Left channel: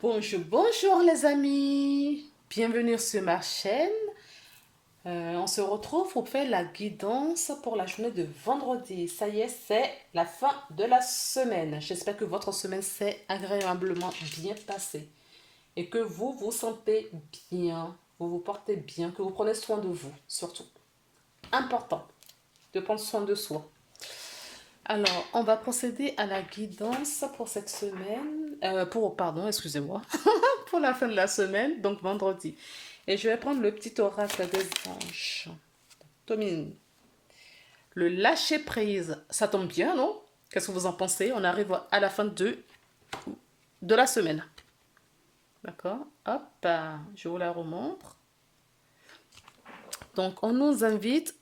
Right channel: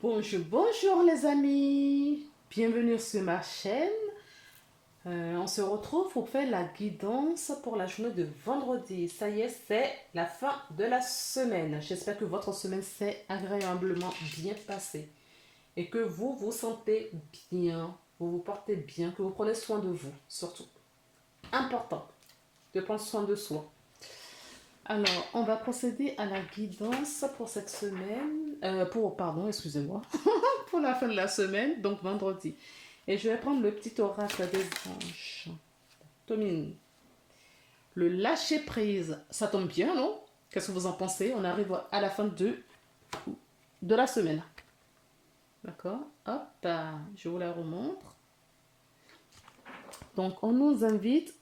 Bonjour, bonjour les amis. Bienvenue sur ma chaîne. On se retrouve pour faire la guidance pour la journée de vendredi. Ça y est, c'est la fin de la semaine. J'espère que votre semaine s'est agréablement bien passée et que vous vous sentez bien, vous vous portez bien, que vous prenez soin de vous, surtout. Important de prendre soin de soi. Alors, on va procéder à la guidance pour cette semaine. Pardon, excusez-moi. Pour la fin de la semaine, donc vendredi. Et je vais prendre le petit oracle des anges. Tomine, le lâcher prise, ça tombe bien, non? Qu'est-ce que vous en pensez? On arrive à la fin de la semaine. D'accord? Hop, je vous la remontre. Donc, on nous invite,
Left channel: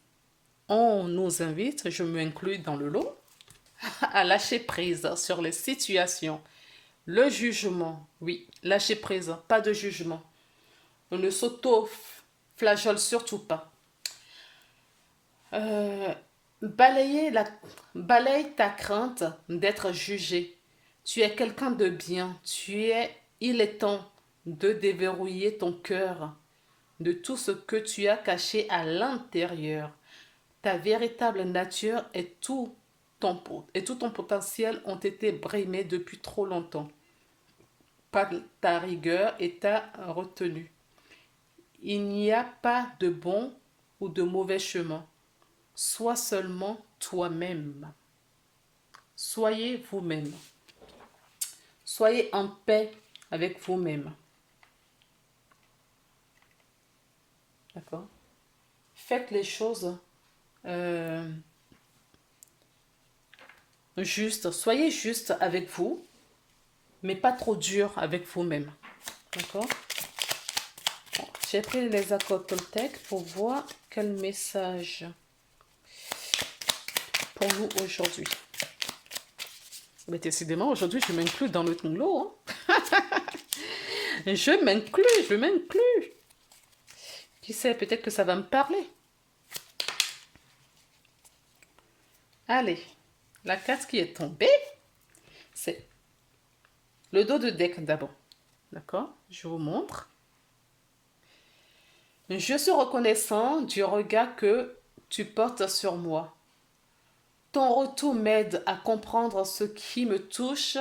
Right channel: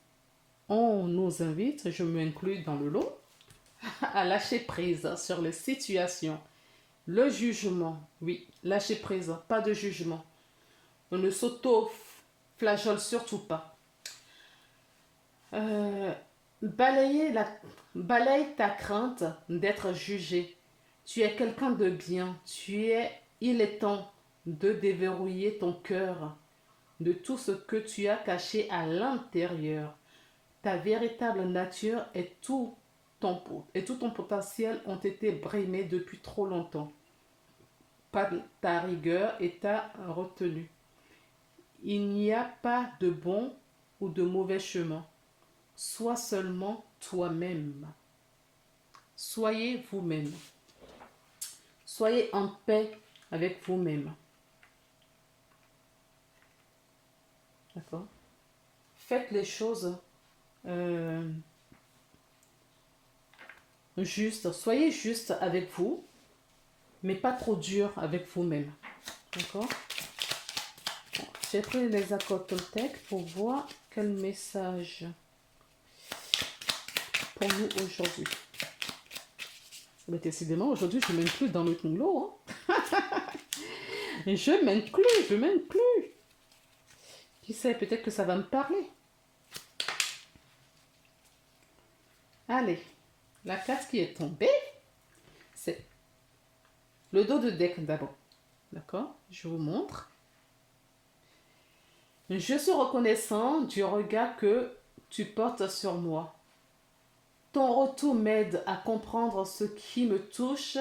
je m'inclus dans le lot, à lâcher prise sur les situations. Le jugement, oui, lâcher prise, pas de jugement. On ne s'auto-flageole surtout pas. Euh, balaye ta crainte d'être jugé. Tu es quelqu'un de bien. Il est temps de déverrouiller ton cœur de tout ce que tu as caché à l'intérieur. Ta véritable nature et tout ton potentiel ont été brimés depuis trop longtemps par ta rigueur et ta retenue. Il n'y a pas de bon ou de mauvais chemin. Sois seulement toi-même. Soyez vous-même. Soyez en paix avec vous-même. D'accord? Faites les choses euh, justes. Soyez juste avec vous, mais pas trop dur avec vous-même. D'accord? J'ai pris les accords Toltec pour voir quel message pour nous aujourd'hui. Mais décidément, aujourd'hui, je m'inclus dans le lot. Hein. Je m'inclus. Qui sait, peut-être que ça va me parler. Allez, la carte qui est tombée, c'est le dos de deck d'abord. D'accord? Je vous montre. Je suis reconnaissant du regard que tu portes sur moi. Ton retour m'aide à comprendre ce qui me touche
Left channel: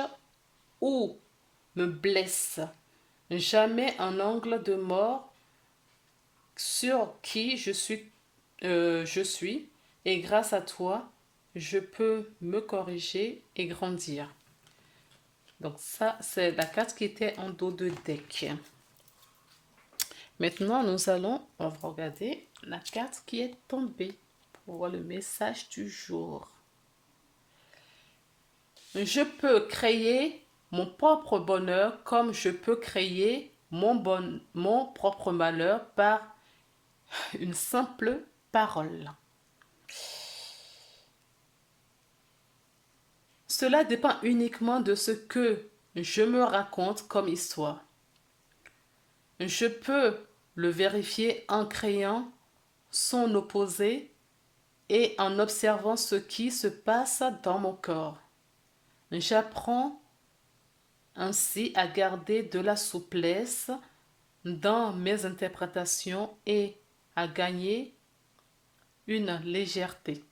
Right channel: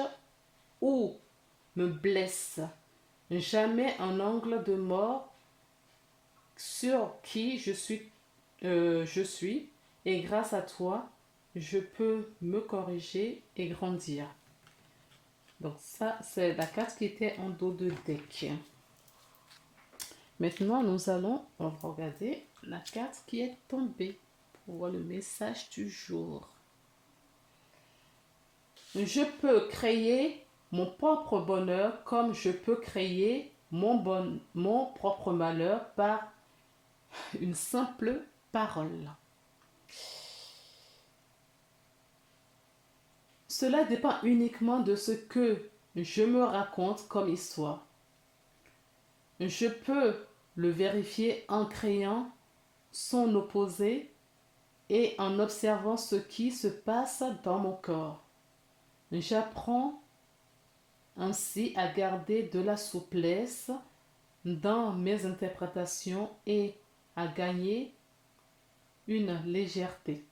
ou me blesse. Jamais un angle de mort sur qui je suis, et grâce à toi, je peux me corriger et grandir. Donc ça, c'est la carte qui était en dos de deck. Maintenant, nous allons regarder la carte qui est tombée pour voir le message du jour. Je peux créer mon propre bonheur comme je peux créer mon propre malheur par une simple parole. Cela dépend uniquement de ce que je me raconte comme histoire. Je peux le vérifier en créant son opposé et en observant ce qui se passe dans mon corps. J'apprends ainsi à garder de la souplesse dans mes interprétations et à gagner une légèreté.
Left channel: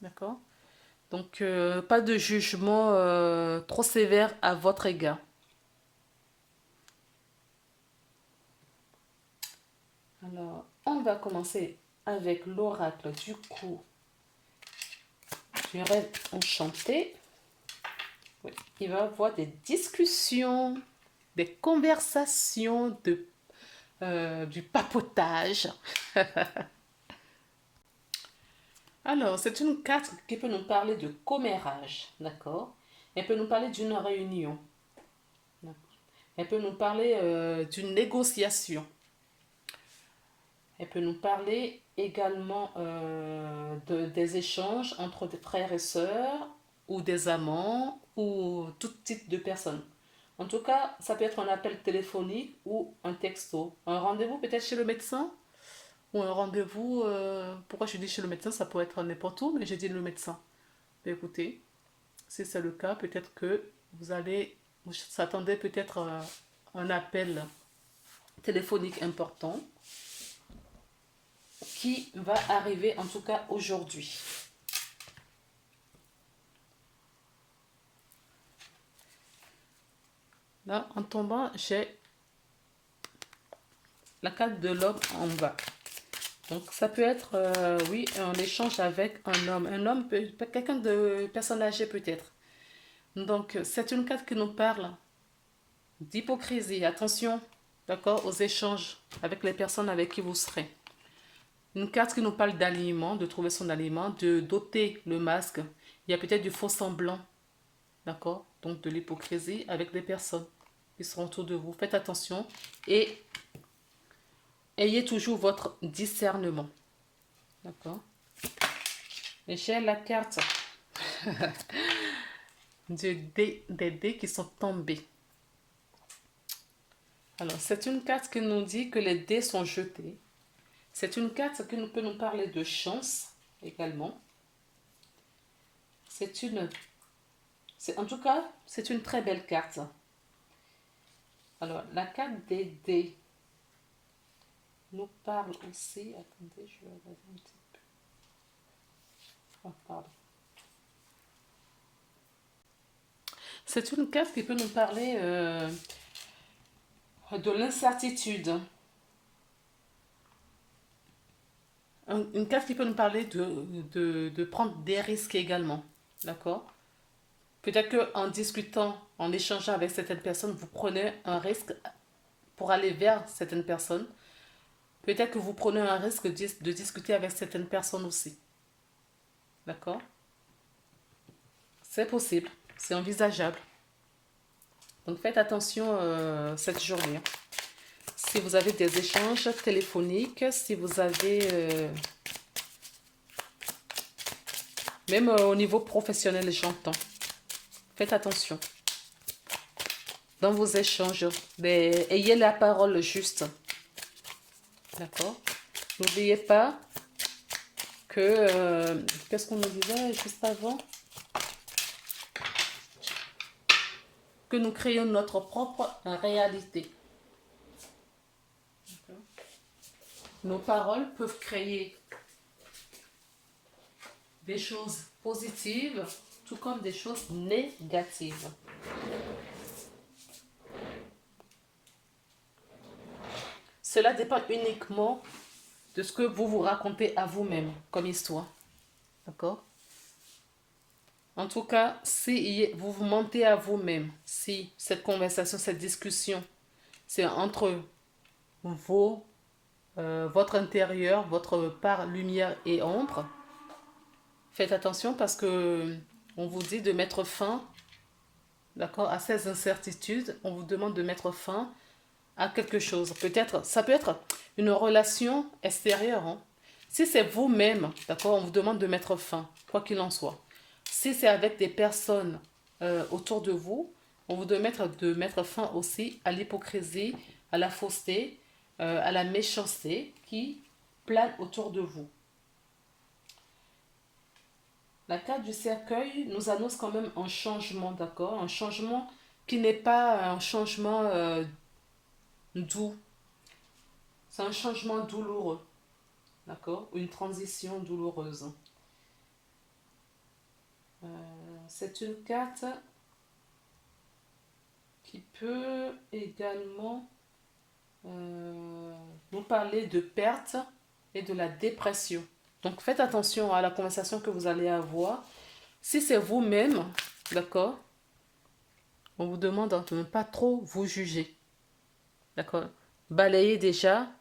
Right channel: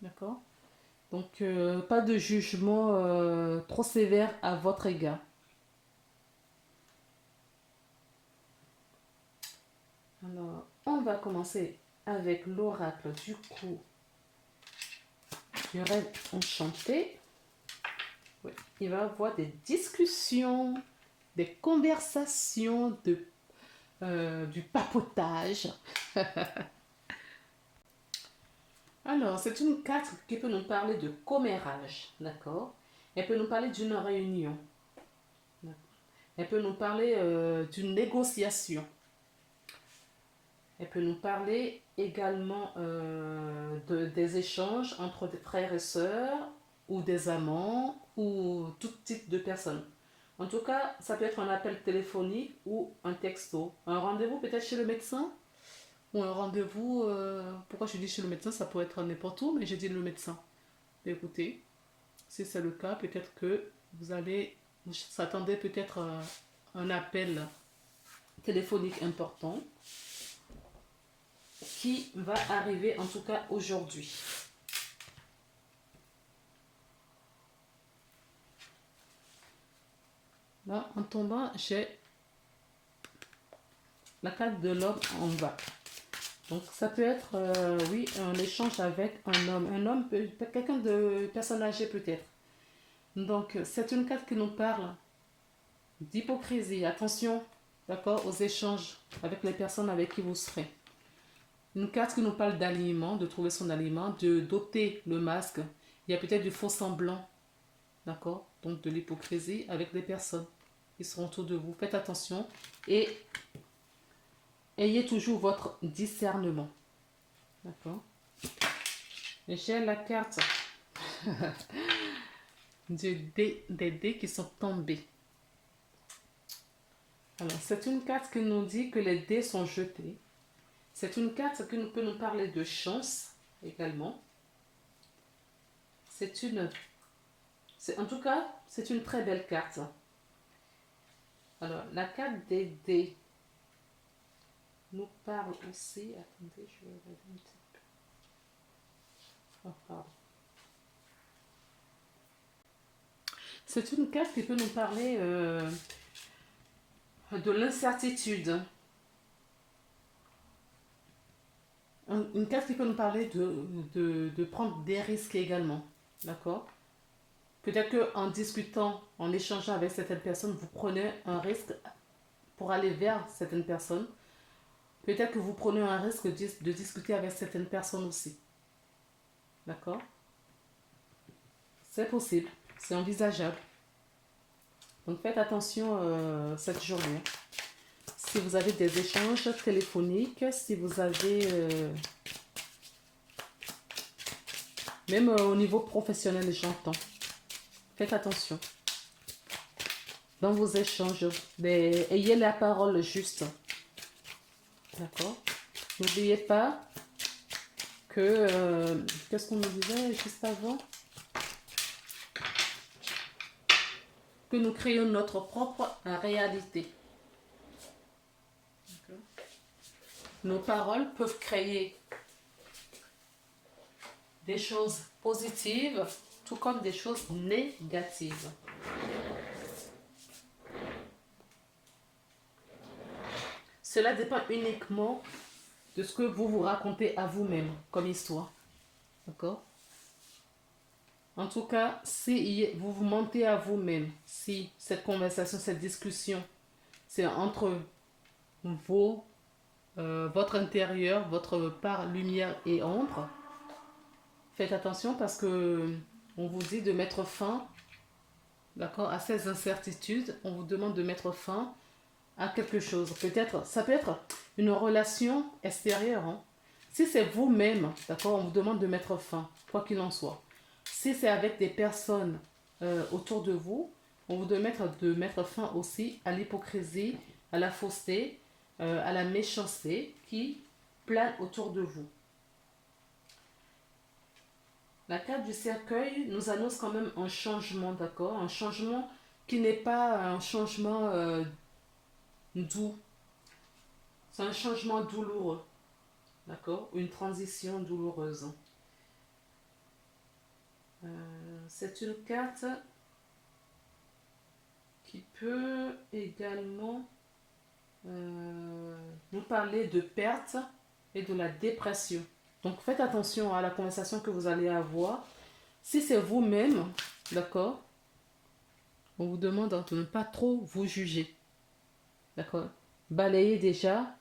D'accord? Donc, pas de jugement trop sévère à votre égard. Alors, on va commencer avec l'oracle du coup du rêve enchanté. Oui. Il va y avoir des discussions, des conversations, du papotage. Alors, c'est une carte qui peut nous parler de commérage, d'accord? Elle peut nous parler d'une réunion. Elle peut nous parler d'une négociation. Elle peut nous parler également des échanges entre des frères et sœurs ou des amants ou tout type de personnes. En tout cas, ça peut être un appel téléphonique ou un texto. Un rendez-vous peut-être chez le médecin ou un rendez-vous... pourquoi je dis chez le médecin? Ça peut être n'importe où, mais j'ai dit le médecin. Écoutez, si c'est le cas, peut-être que vous allez Vous s'attendez peut-être à un appel téléphonique important qui va arriver en tout cas aujourd'hui. Là, en tombant, j'ai la carte de l'homme en bas. Donc, ça peut être, oui, un échange avec un homme. Un homme, quelqu'un de personne âgée peut-être. Donc, c'est une carte qui nous parle d'hypocrisie. Attention, d'accord, aux échanges avec les personnes avec qui vous serez. Une carte qui nous parle d'alignement, de trouver son aliment, de d'ôter le masque. Il y a peut-être du faux semblant, d'accord, donc de l'hypocrisie avec des personnes qui seront autour de vous. Faites attention et ayez toujours votre discernement, d'accord. Et j'ai la carte des dés qui sont tombés. Alors, c'est une carte qui nous dit que les dés sont jetés. C'est une carte qui peut nous parler de chance également. En tout cas, c'est une très belle carte. Alors, la carte des dés nous parle aussi. Attendez, je vais regarder un petit peu. Oh, pardon. C'est une carte qui peut nous parler de l'incertitude. Une carte qui peut nous parler de prendre des risques également. D'accord? Peut-être qu'en discutant, en échangeant avec certaines personnes, vous prenez un risque pour aller vers certaines personnes. Peut-être que vous prenez un risque de discuter avec certaines personnes aussi. D'accord? C'est possible, c'est envisageable. Donc faites attention cette journée. Si vous avez des échanges téléphoniques, si vous avez... même au niveau professionnel, j'entends. Faites attention. Dans vos échanges, ayez la parole juste. D'accord? N'oubliez pas que... qu'est-ce qu'on nous disait juste avant? Que nous créons notre propre réalité. D'accord? Nos paroles peuvent créer des choses positives, tout comme des choses négatives. Cela dépend uniquement de ce que vous vous racontez à vous-même comme histoire. D'accord? En tout cas, si vous vous mentez à vous-même, si cette conversation, cette discussion, c'est entre votre intérieur, votre part lumière et ombre, faites attention parce que on vous dit de mettre fin, d'accord, à ces incertitudes. On vous demande de mettre fin à quelque chose. Peut-être, ça peut être une relation extérieure. Hein. Si c'est vous-même, d'accord, on vous demande de mettre fin, quoi qu'il en soit. Si c'est avec des personnes autour de vous, on vous demande de mettre fin aussi à l'hypocrisie, à la fausseté, à la méchanceté qui plane autour de vous. La carte du cercueil nous annonce quand même un changement, d'accord? Un changement qui n'est pas un changement doux. C'est un changement douloureux, d'accord? Une transition douloureuse. C'est une carte qui peut également nous parler de perte et de la dépression. Donc faites attention à la conversation que vous allez avoir. Si c'est vous-même, d'accord, on vous demande de ne pas trop vous juger. D'accord? Balayez déjà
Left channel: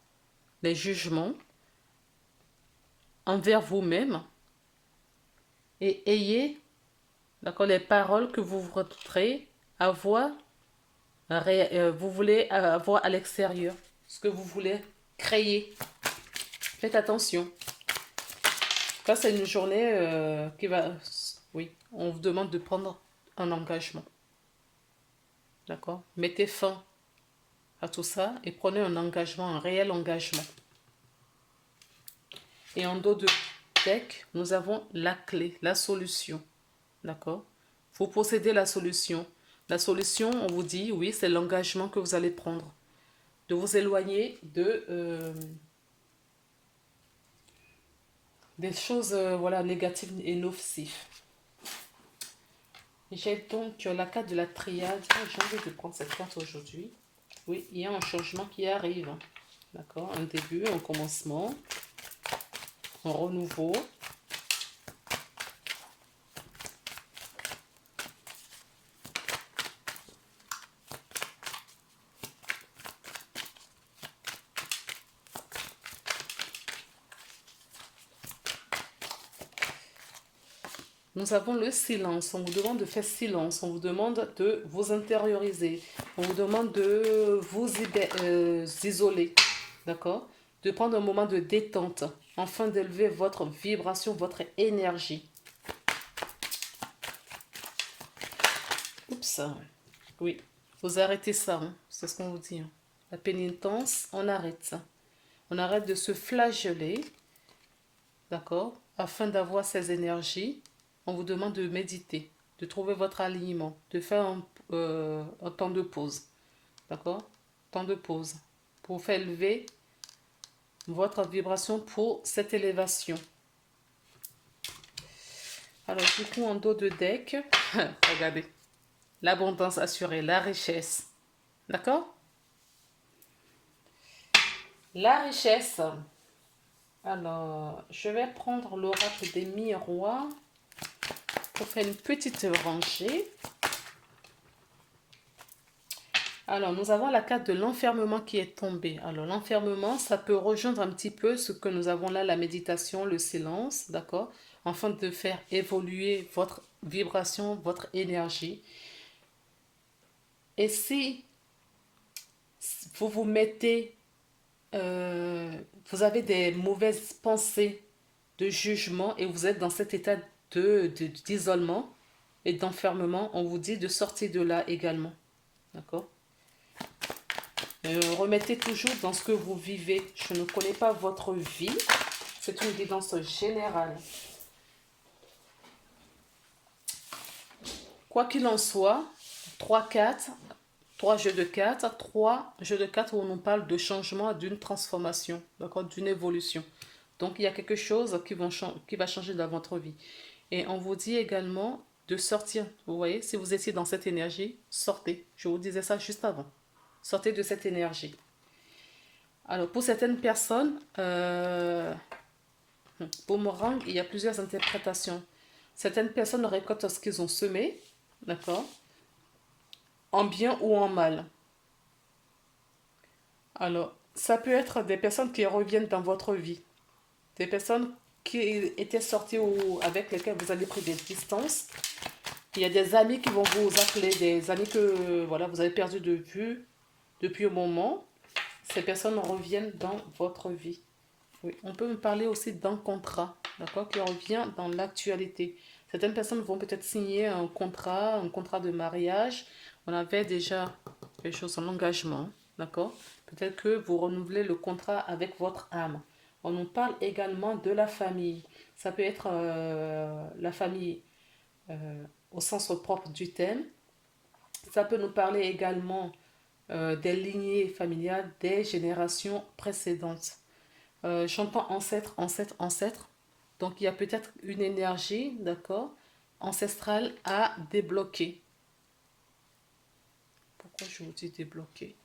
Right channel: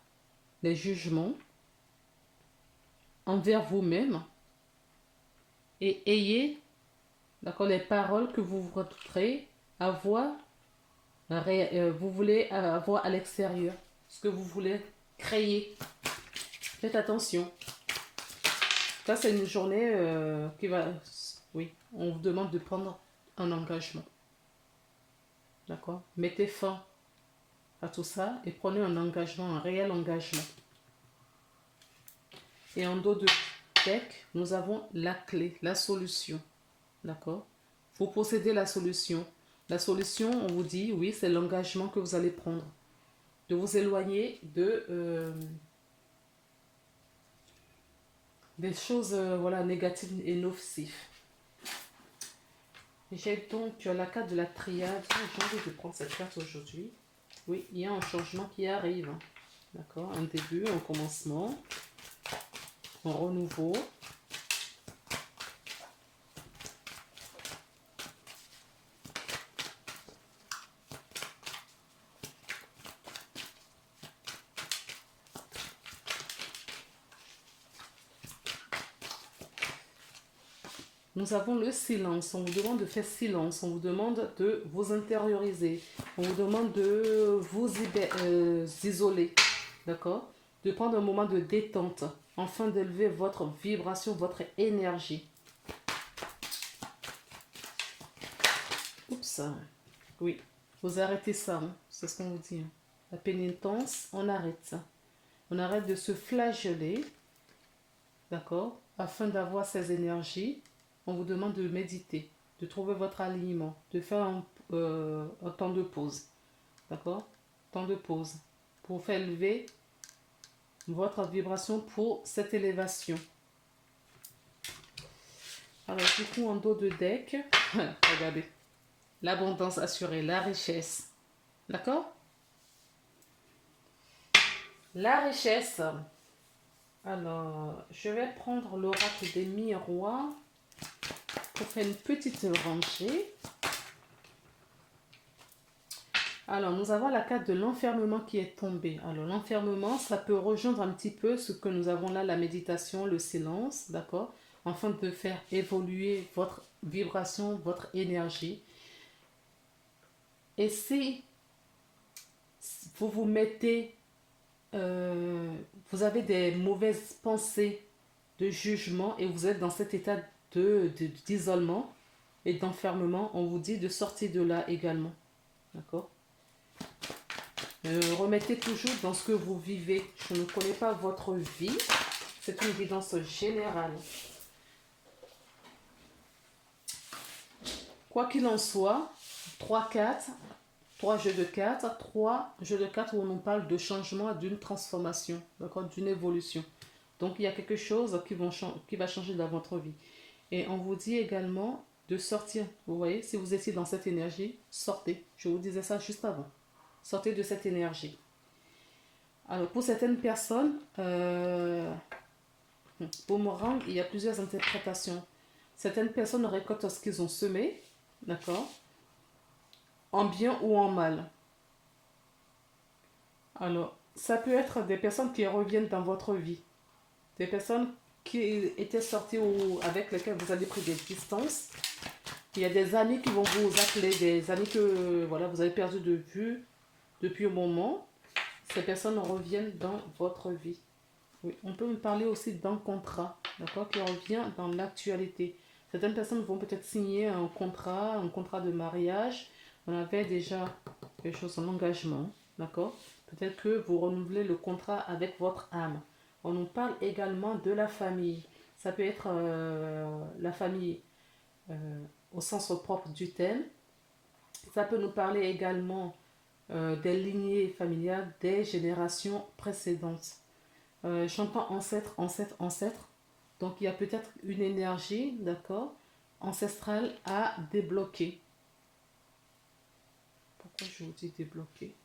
les jugements envers vous-même et ayez, d'accord, les paroles que vous voudrez avoir, vous voulez avoir à l'extérieur, ce que vous voulez créer. Faites attention. Ça, c'est une journée qui va... Oui, on vous demande de prendre un engagement. D'accord? Mettez fin à tout ça et prenez un engagement, un réel engagement. Et en dos de deck, nous avons la clé, la solution. D'accord? Vous possédez la solution. La solution, on vous dit, oui, c'est l'engagement que vous allez prendre. De vous éloigner des choses voilà, négatives et nocives. J'ai donc la carte de la triade. J'ai envie de prendre cette carte aujourd'hui. Oui, il y a un changement qui arrive. D'accord? Un début, un commencement, un renouveau. Nous avons le silence. On vous demande de faire silence. On vous demande de vous intérioriser. On vous demande de vous isoler. D'accord? De prendre un moment de détente afin d'élever votre vibration, votre énergie. Oups. Oui. Vous arrêtez ça. Hein. C'est ce qu'on vous dit. Hein. La pénitence, on arrête ça. On arrête de se flageller. D'accord? Afin d'avoir ces énergies. On vous demande de méditer, de trouver votre alignement, de faire un temps de pause. D'accord? Temps de pause. Pour faire élever votre vibration pour cette élévation. Alors, du coup, en dos de deck, regardez. L'abondance assurée, la richesse. D'accord? La richesse. Alors, je vais prendre l'oracle des miroirs. Pour faire une petite rangée. Alors, nous avons la carte de l'enfermement qui est tombée. Alors, l'enfermement, ça peut rejoindre un petit peu ce que nous avons là, la méditation, le silence, d'accord? Afin de faire évoluer votre vibration, votre énergie. Et si vous vous mettez, vous avez des mauvaises pensées de jugement et vous êtes dans cet état d'isolement et d'enfermement, on vous dit de sortir de là également. D'accord? Remettez toujours dans ce que vous vivez. Je ne connais pas votre vie. C'est une guidance générale. Quoi qu'il en soit, 3 jeux de 4, 3 jeux de 4 où on nous parle de changement, d'une transformation, d'accord, d'une évolution. Donc, il y a quelque chose qui va changer dans votre vie. Et on vous dit également de sortir. Vous voyez, si vous étiez dans cette énergie, sortez. Je vous disais ça juste avant. Sortez de cette énergie. Alors, pour certaines personnes, boomerang, il y a plusieurs interprétations. Certaines personnes récoltent ce qu'ils ont semé, d'accord, en bien ou en mal. Alors, ça peut être des personnes qui reviennent dans votre vie. Des personnes qui étaient sorties ou avec lesquelles vous avez pris des distances. Il y a des amis qui vont vous appeler, des amis que voilà, vous avez perdu de vue depuis un moment. Ces personnes reviennent dans votre vie. Oui, on peut me parler aussi d'un contrat, d'accord, qui revient dans l'actualité. Certaines personnes vont peut-être signer un contrat de mariage. On avait déjà des choses en engagement, d'accord. Peut-être que vous renouvelez le contrat avec votre âme. On nous parle également de la famille. Ça peut être la famille au sens propre du thème. Ça peut nous parler également des lignées familiales des générations précédentes. J'entends ancêtre, ancêtre, ancêtre. Donc il y a peut-être une énergie, d'accord, ancestrale à débloquer. Pourquoi je vous dis débloquer?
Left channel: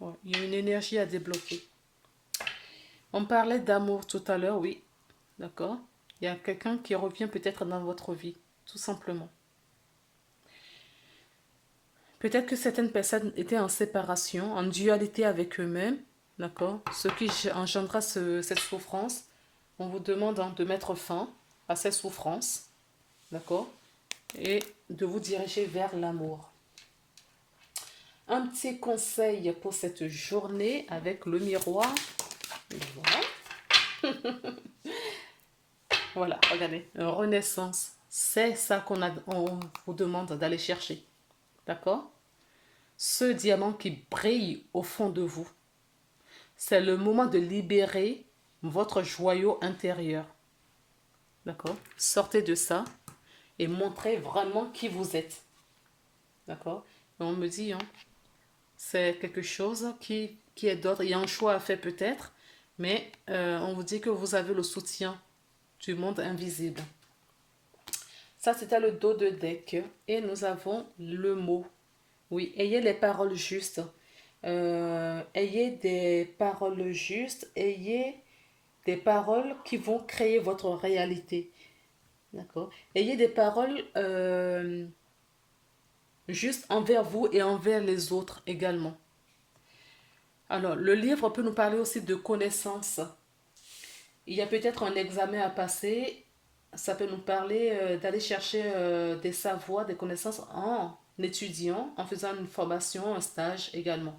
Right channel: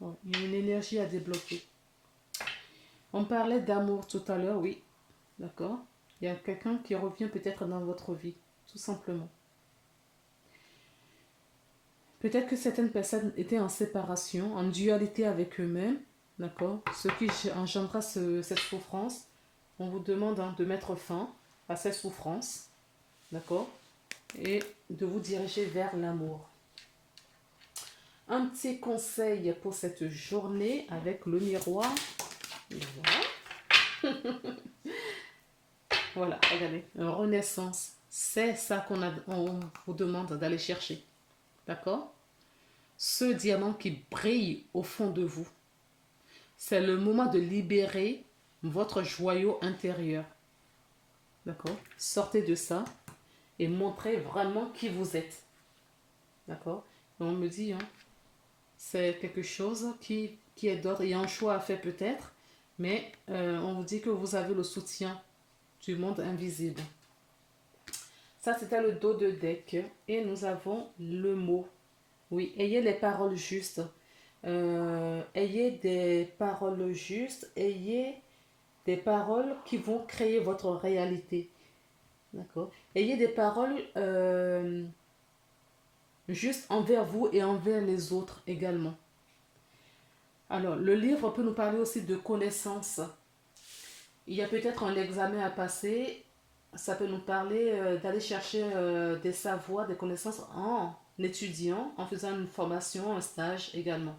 Ouais, il y a une énergie à débloquer. On parlait d'amour tout à l'heure, oui, d'accord. Il y a quelqu'un qui revient peut-être dans votre vie, tout simplement. Peut-être que certaines personnes étaient en séparation, en dualité avec eux-mêmes, d'accord. Ce qui engendra cette souffrance. On vous demande de mettre fin à ces souffrances, d'accord, et de vous diriger vers l'amour. Un petit conseil pour cette journée avec le miroir. Voilà, voilà, regardez, renaissance. C'est ça on vous demande d'aller chercher, d'accord. Ce diamant qui brille au fond de vous, c'est le moment de libérer votre joyau intérieur. D'accord? Sortez de ça et montrez vraiment qui vous êtes. D'accord? Et on me dit, hein, c'est quelque chose qui est d'ordre. Il y a un choix à faire peut-être, mais on vous dit que vous avez le soutien du monde invisible. Ça, c'était le dos de deck. Et nous avons le mot. Oui, ayez les paroles justes. Ayez des paroles justes. Ayez des paroles qui vont créer votre réalité. D'accord? Ayez des paroles justes envers vous et envers les autres également. Alors, le livre peut nous parler aussi de connaissances. Il y a peut-être un examen à passer. Ça peut nous parler d'aller chercher des savoirs, des connaissances en étudiant, en faisant une formation, un stage également.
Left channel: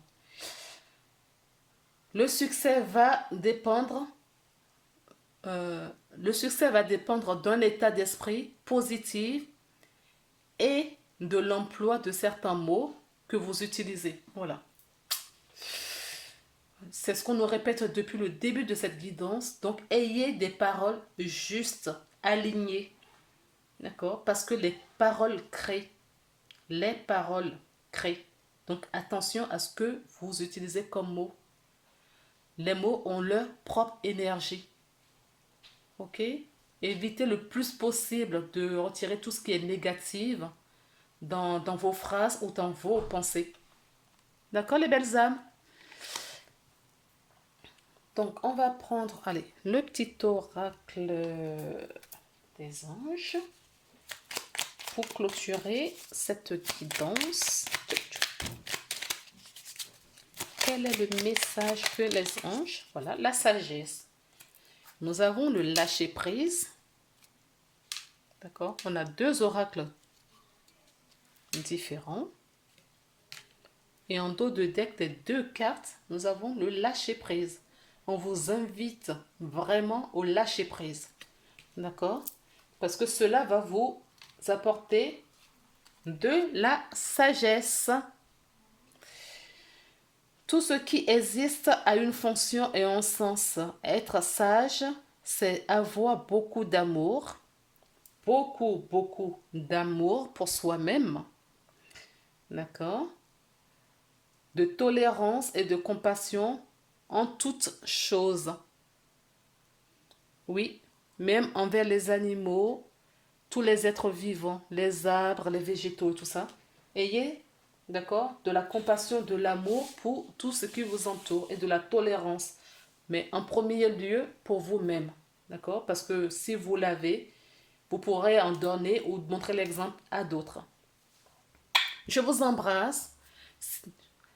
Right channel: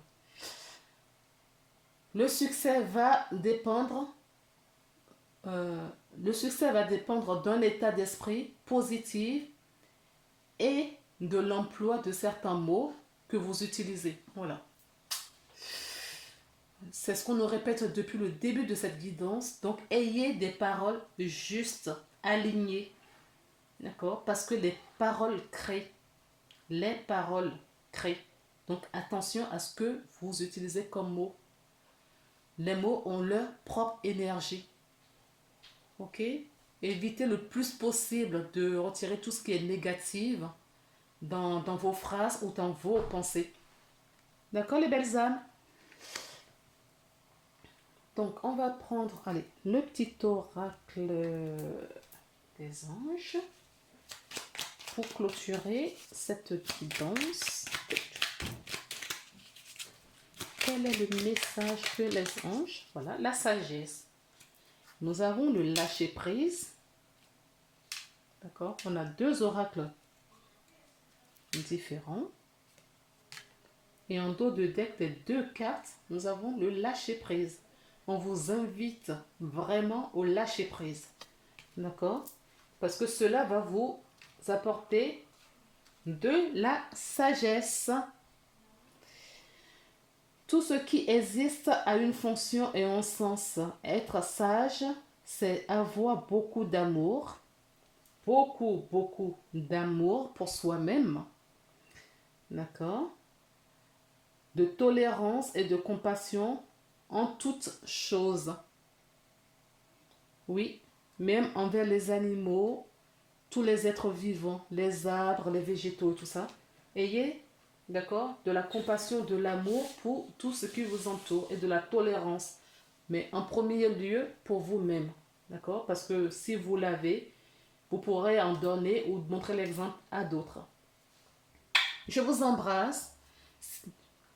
Le succès va dépendre, le succès va dépendre d'un état d'esprit positif et de l'emploi de certains mots que vous utilisez. Voilà. C'est ce qu'on nous répète depuis le début de cette guidance. Donc, ayez des paroles justes, alignées. D'accord? Parce que les paroles créent. Les paroles créent. Donc, attention à ce que vous utilisez comme mots. Les mots ont leur propre énergie. Ok? Évitez le plus possible de retirer tout ce qui est négatif dans vos phrases ou dans vos pensées. D'accord, les belles âmes? Donc, on va prendre, allez, le petit oracle des anges pour clôturer cette guidance. Quel est le message que les anges? Voilà, la sagesse. Nous avons le lâcher-prise. D'accord? On a deux oracles différents. Et en dos de deck des deux cartes, nous avons le lâcher-prise. On vous invite vraiment au lâcher-prise. D'accord? Parce que cela va vous apporter de la sagesse. Tout ce qui existe a une fonction et un sens. Être sage, c'est avoir beaucoup d'amour. Beaucoup d'amour pour soi-même. D'accord? De tolérance et de compassion en toutes choses. Oui, même envers les animaux, tous les êtres vivants, les arbres, les végétaux, tout ça. Ayez, d'accord, de la compassion, de l'amour pour tout ce qui vous entoure et de la tolérance. Mais en premier lieu, pour vous-même, d'accord? Parce que si vous l'avez, vous pourrez en donner ou montrer l'exemple à d'autres. Je vous embrasse.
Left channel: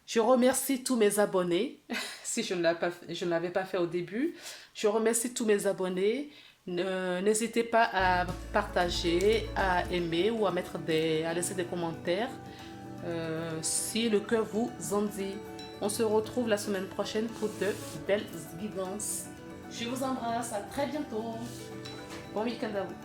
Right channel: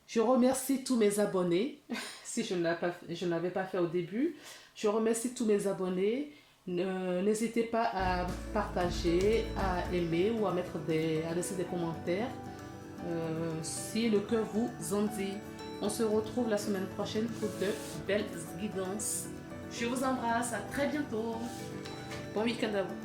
Je remercie tous mes abonnés, si je ne l'avais pas fait au début. Je remercie tous mes abonnés. N'hésitez pas à partager, à aimer ou à laisser des commentaires si le cœur vous en dit. On se retrouve la semaine prochaine pour de belles guidances. Je vous embrasse, à très bientôt. Bon week-end à vous.